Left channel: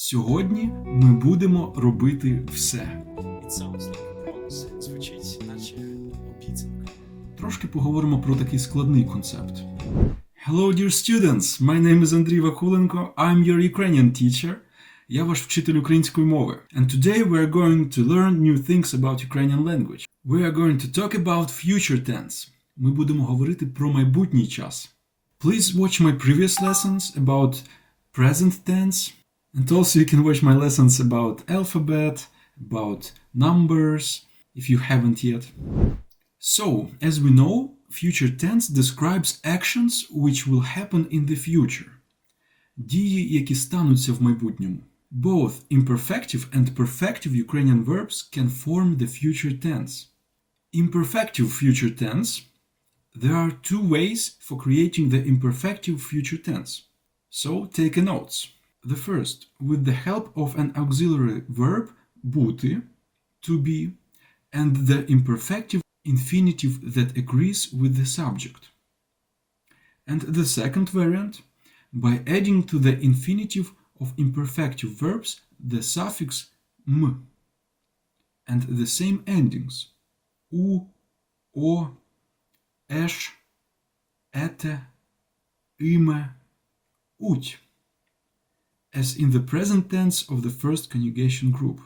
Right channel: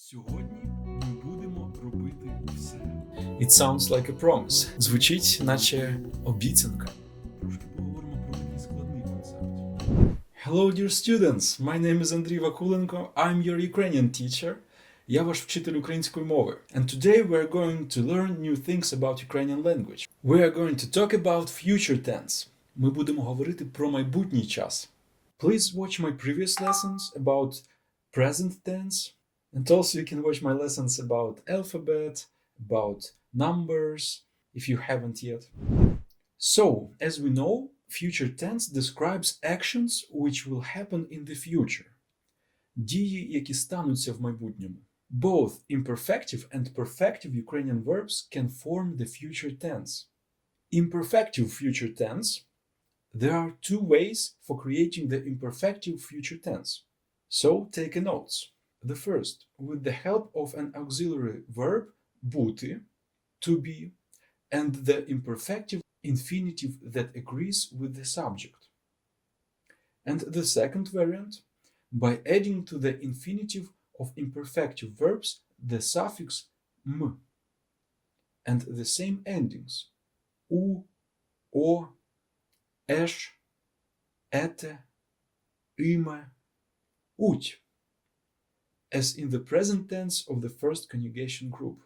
Сьогодні ми будемо робити все. It sounds like a promise. Звучить, наче обіцянка. Трошки поговоримо про такий складний концепт. Hello, dear students! My name is Andriy Vakulenko. I'm your Ukrainian teacher. Я ваш вчитель української мови. And today we are going to learn new things about Ukrainian language. We are going to talk about future tense. Ми будемо говорити про майбутній час. Please watch my previous lessons about present tense. And also you can watch my lessons about alphabet, about numbers, if you haven't yet. So, as we know, future tense describes actions which will happen in the future. Дії, які стануться в майбутньому. Both imperfective and perfective Ukrainian verbs can form the future tense. Imperfective future tense. There are two ways for creating the imperfective future tense. So, take a notes. The first, with the help of an auxiliary verb, бути, to be, and the imperfective infinitive that agrees with the subject. And the second variant, by adding to the infinitive of imperfective verbs the suffix m, and the same endings, u, o, esh, ete, ime, ut, as in the present tense of the first conjugation group.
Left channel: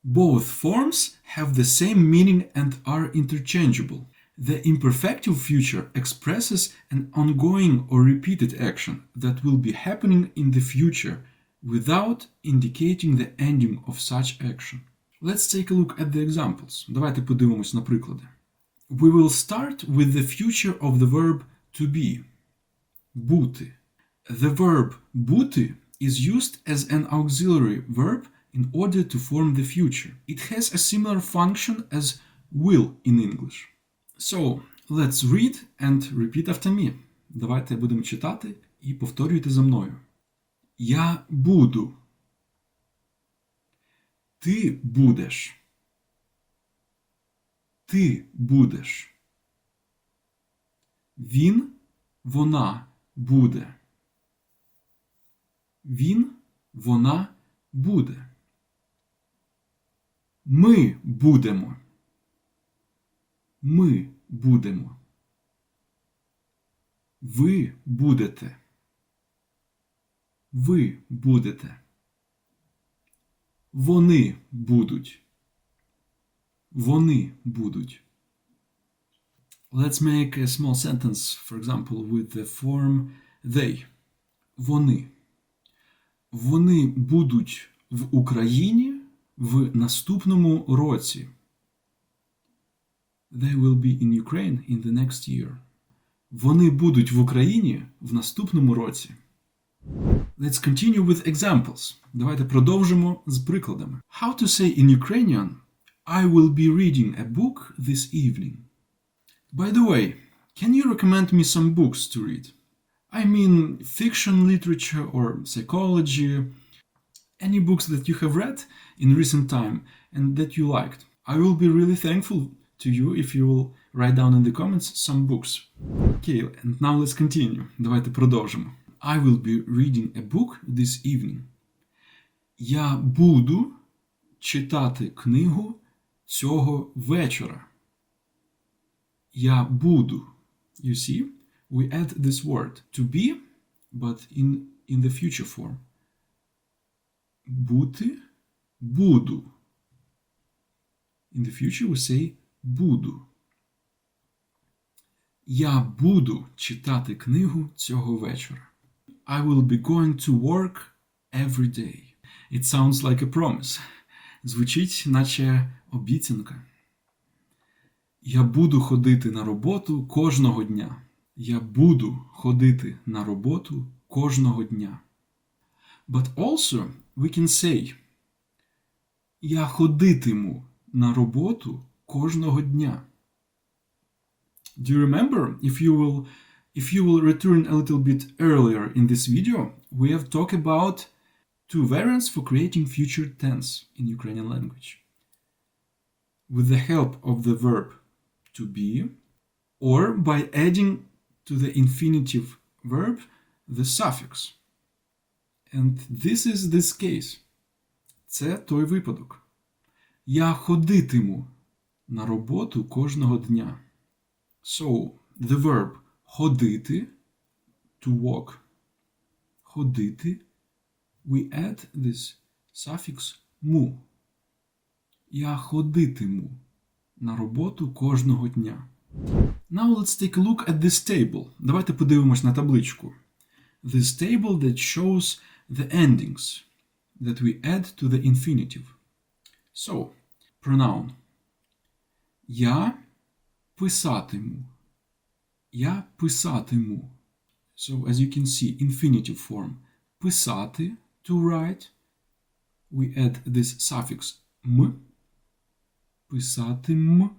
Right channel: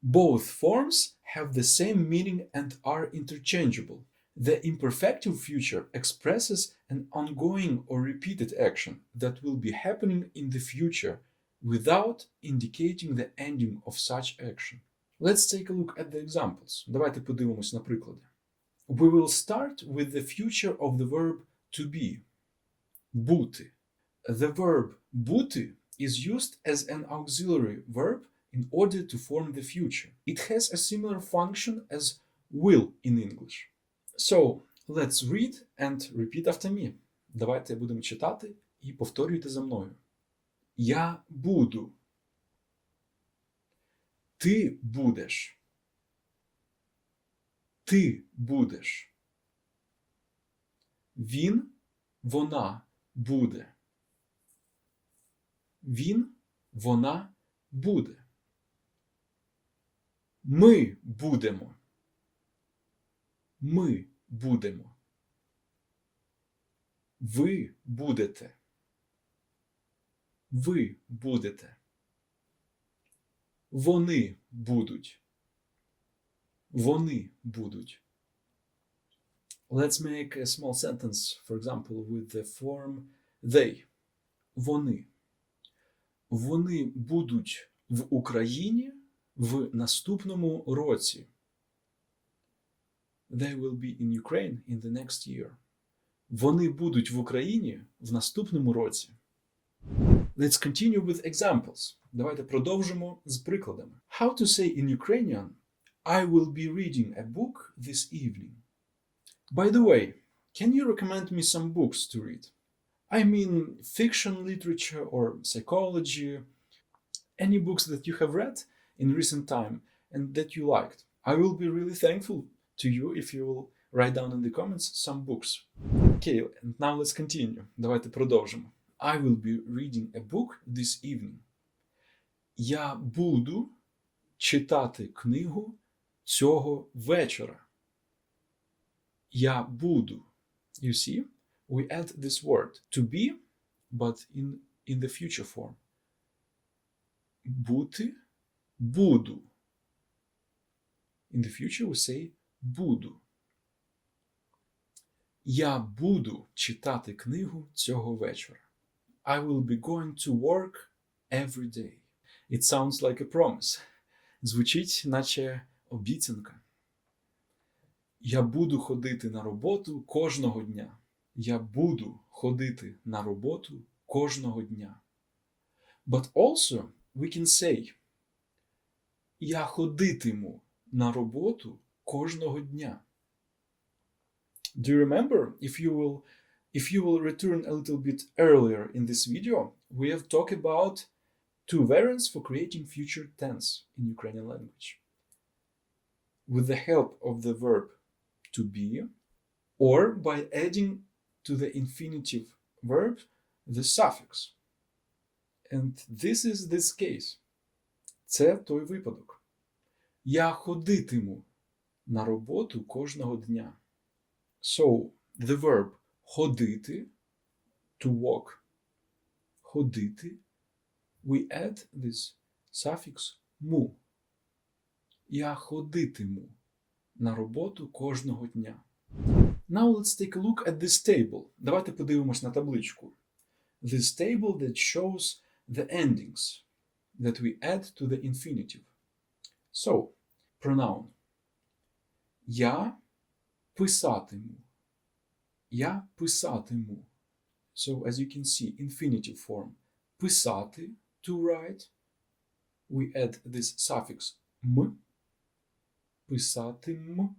Both forms have the same meaning and are interchangeable. The imperfective future expresses an ongoing or repeated action that will be happening in the future without indicating the ending of such action. Let's take a look at the examples. Давайте подивимось на приклади. We will start with the future of the verb to be. Бути. The verb бути is used as an auxiliary verb in order to form the future. It has a similar function as will in English. So, let's read and repeat after me. Давайте будемо читати і повторюйте за мною. Я буду. Ти будеш. Ти будеш. Він, вона буде. Він, вона буде. Ми будемо. Ми будемо. Ви будете. Ви будете. Вони будуть. Вони будуть. Let's make a small sentence, for example, with the form they. Вони. Вони будуть в Україні в наступному році. They will be in Ukraine in the next year. Вони будуть в Україні в наступному році. Let's continue with examples. Давайте продовжимо з прикладами. How to say in Ukrainian I will be reading a book this evening. By the way, can you recommend me some books to read? I mean fiction literature or psychology, any books that you have read in recent time and that you liked. I will be really thankful to you if you will write down in the comments some books. Okay, and now let's continue. Давайте продовжимо. I will be reading a book this evening. Я буду читати книгу цього вечора. Я буду. You see? We add this word to be, but in the future form. Бути, буду. In the future we say буду. Я буду читати книгу цього вечора. I will be going to work every day. It sounds like a promise. Звучить, наче обіцянка. Я буду ходити на роботу кожного дня. Я буду ходити на роботу кожного дня. But also we can say я ходитиму на роботу кожного дня. Do you remember, if you will return a little bit earlier in this video, we have talked about two variants for creating future tense in Ukrainian language. With the help of the verb to be, or by adding to the infinitive verb the suffix. And this is this case. Це той випадок. Я ходитиму на роботу кожного дня. So, the verb ходити, to walk, ходити, we add this suffix му. Я ходитиму на роботу кожного дня. Now let's take a look at this table. Давайте подивимось на табличку. This table that shows the endings that we add to the infinitive. So, pronoun. Я писатиму. Я писатиму. So, as you can see, infinitive form. Писати, to write. We add this suffix м. Писатим.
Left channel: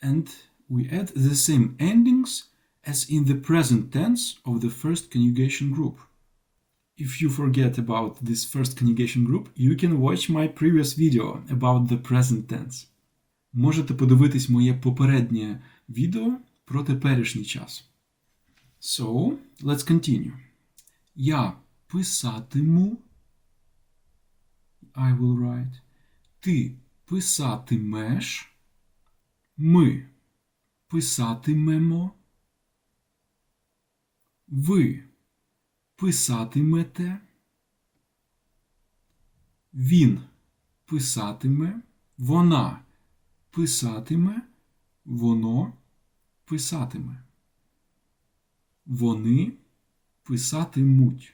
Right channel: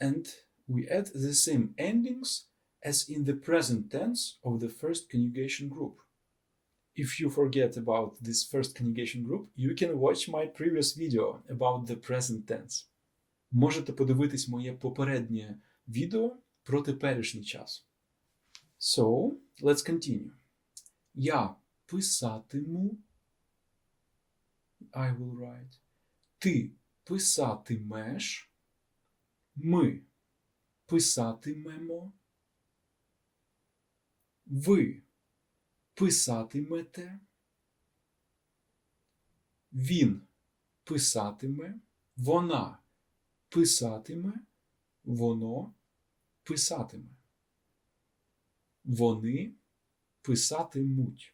And we add the same endings as in the present tense of the first conjugation group. If you forget about this first conjugation group, you can watch my previous video about the present tense. Можете подивитись моє попереднє відео про теперішній час. So, let's continue. Я писатиму. I will write. Ти писатимеш. Ми писатимемо. Ви писатимете. Він писатиме. Вона писатиме. Воно писатиме. Вони писатимуть.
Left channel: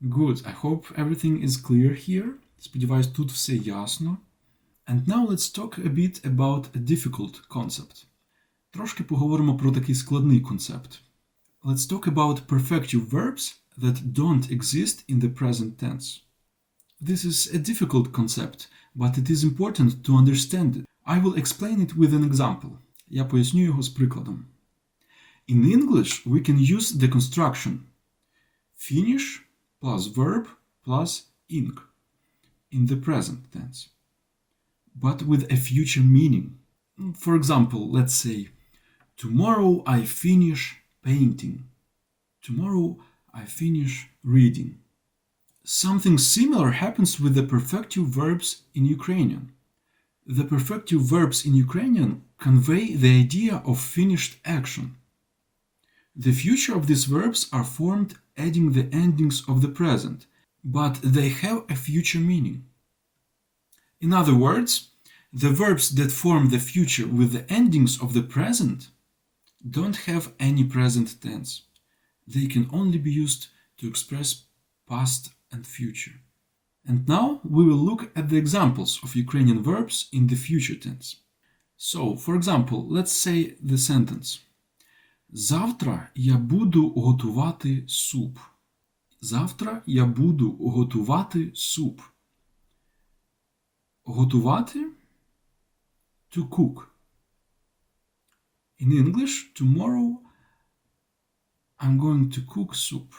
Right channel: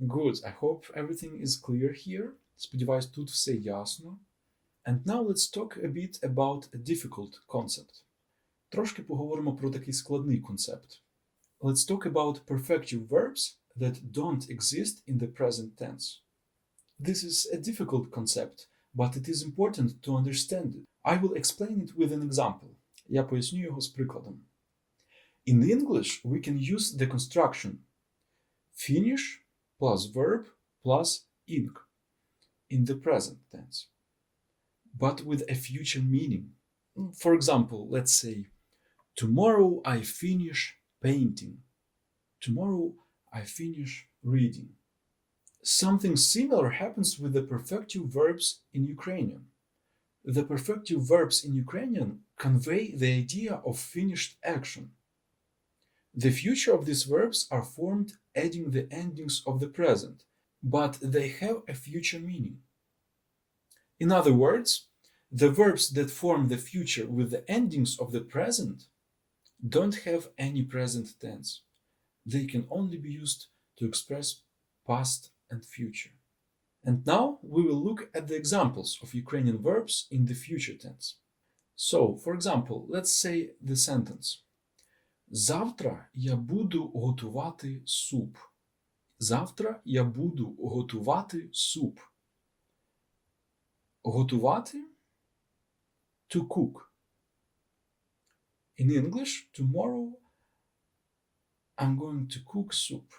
Good. I hope everything is clear here. Сподіваюсь, тут все ясно. And now let's talk a bit about a difficult concept. Трошки поговоримо про такий складний концепт. Let's talk about perfective verbs that don't exist in the present tense. This is a difficult concept, but it is important to understand it. I will explain it with an example. Я поясню його з прикладом. In English, we can use the construction finish plus verb plus ing in the present tense, but with a future meaning. For example, let's say, tomorrow I finish painting. Tomorrow I finish reading. Something similar happens with the perfective verbs in Ukrainian. The perfective verbs in Ukrainian convey the idea of finished action. The future of these verbs are formed adding the endings of the present, but they have a future meaning. In other words, the verbs that form the future with the endings of the present don't have any present tense. They can only be used to express past and future. And now we will look at the examples of Ukrainian verbs in the future tense. So, for example, let's say the sentence. Завтра я буду готувати суп. Завтра я буду готувати суп. Готувати – to cook. In English, tomorrow I'm going to cook soup.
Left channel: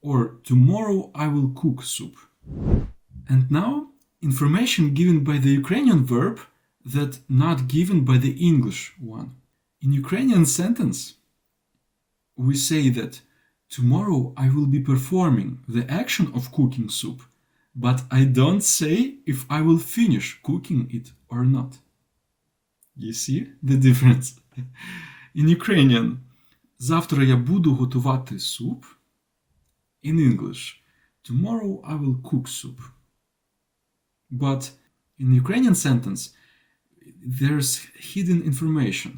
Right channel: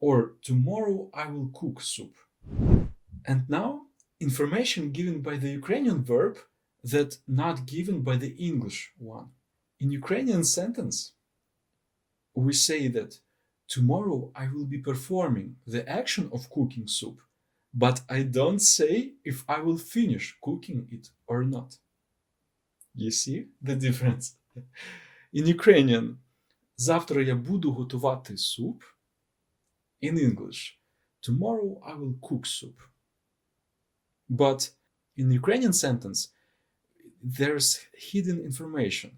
Or tomorrow I will cook soup. And now, information given by the Ukrainian verb that not given by the English one. In Ukrainian sentence, we say that tomorrow I will be performing the action of cooking soup, but I don't say if I will finish cooking it or not. You see the difference? In Ukrainian, завтра я буду готувати суп. In English, tomorrow I will cook soup. But in Ukrainian sentence, there's hidden information.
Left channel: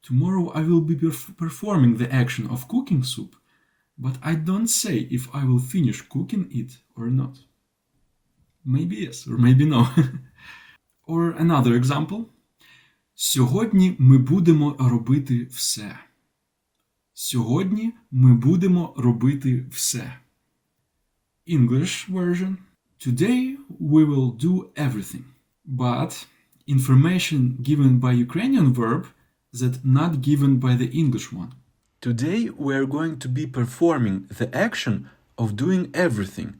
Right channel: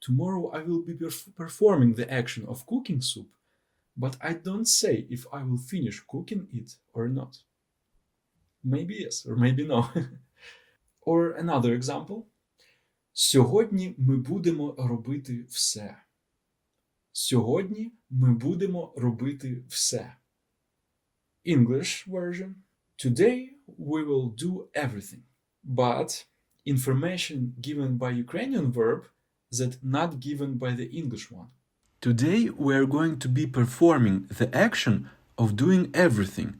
Tomorrow I will be performing the action of cooking soup, but I don't say if I will finish cooking it or not. Maybe yes, or maybe no. Or another example. Сьогодні ми будемо робити все. Сьогодні ми будемо робити все. English version. Today we will do everything. But information given by Ukrainian verb that not given by the English one. Today we are going to be performing the action of doing everything,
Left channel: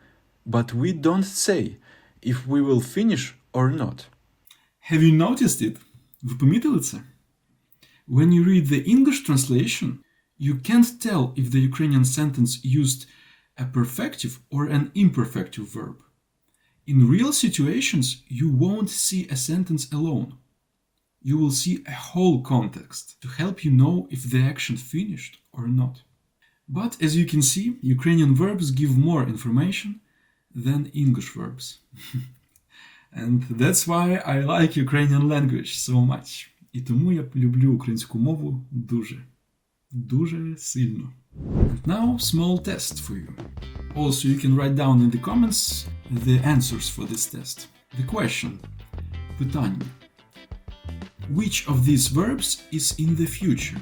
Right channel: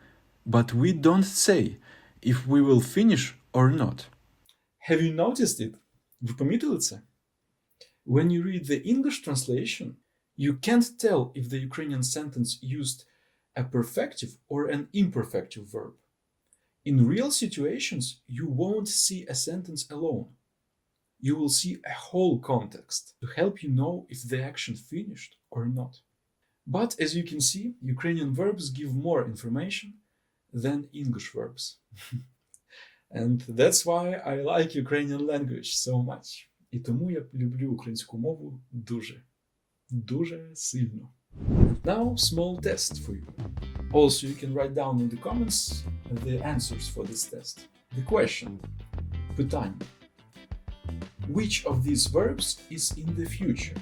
but we don't say if we will finish or not. Have you noticed it? Ви помітили це? When you read the English translation, you can't tell if the Ukrainian sentence used a perfective or an imperfective verb. In real situations, you won't see a sentence alone. You will see a whole context to help you know if the action finished or not. But as you can see, Ukrainian verbs give more information than English verbs. And that's why I like Ukrainian language so much. І тому я люблю українську мову дуже сильно. And now, small test for you. Also, you can write down in the comments the answers for this test. The question. Питання. Which of these verbs is in the future?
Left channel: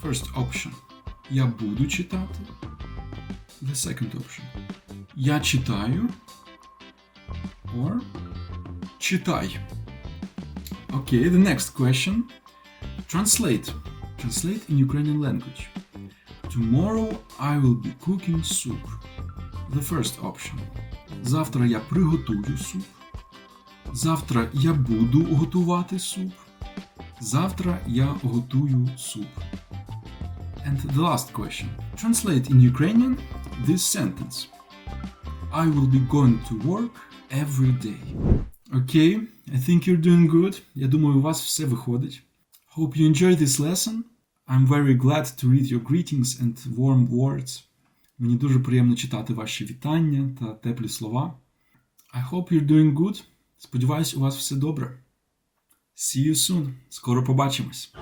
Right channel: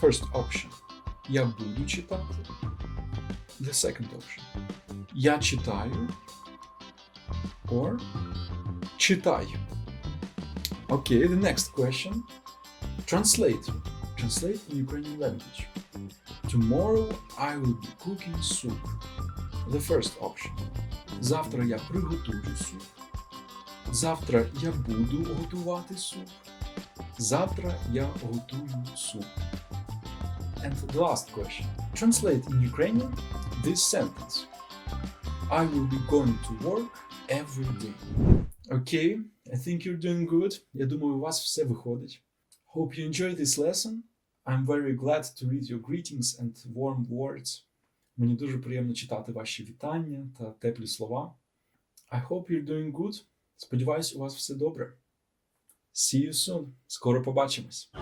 First option. Я буду читати. The second option. Я читаю. Or читай. Okay, the next question. Translate. Translate in Ukrainian language. Tomorrow I will be cooking soup. The first option. Завтра я приготую суп. Завтра я буду готувати суп. Завтра я готую суп. And the last question. Translate in Ukrainian this sentence. I will be going to work every day. Okay, I think you're doing good. Я думаю, у вас все виходить. Hope you enjoyed this lesson. I'm very glad to read your greetings and warm words. Мені дуже приємно читати ваші вітання та теплі слова. I hope you're doing good. Сподіваюсь, у вас все добре. See you soon. Скоро побачимось.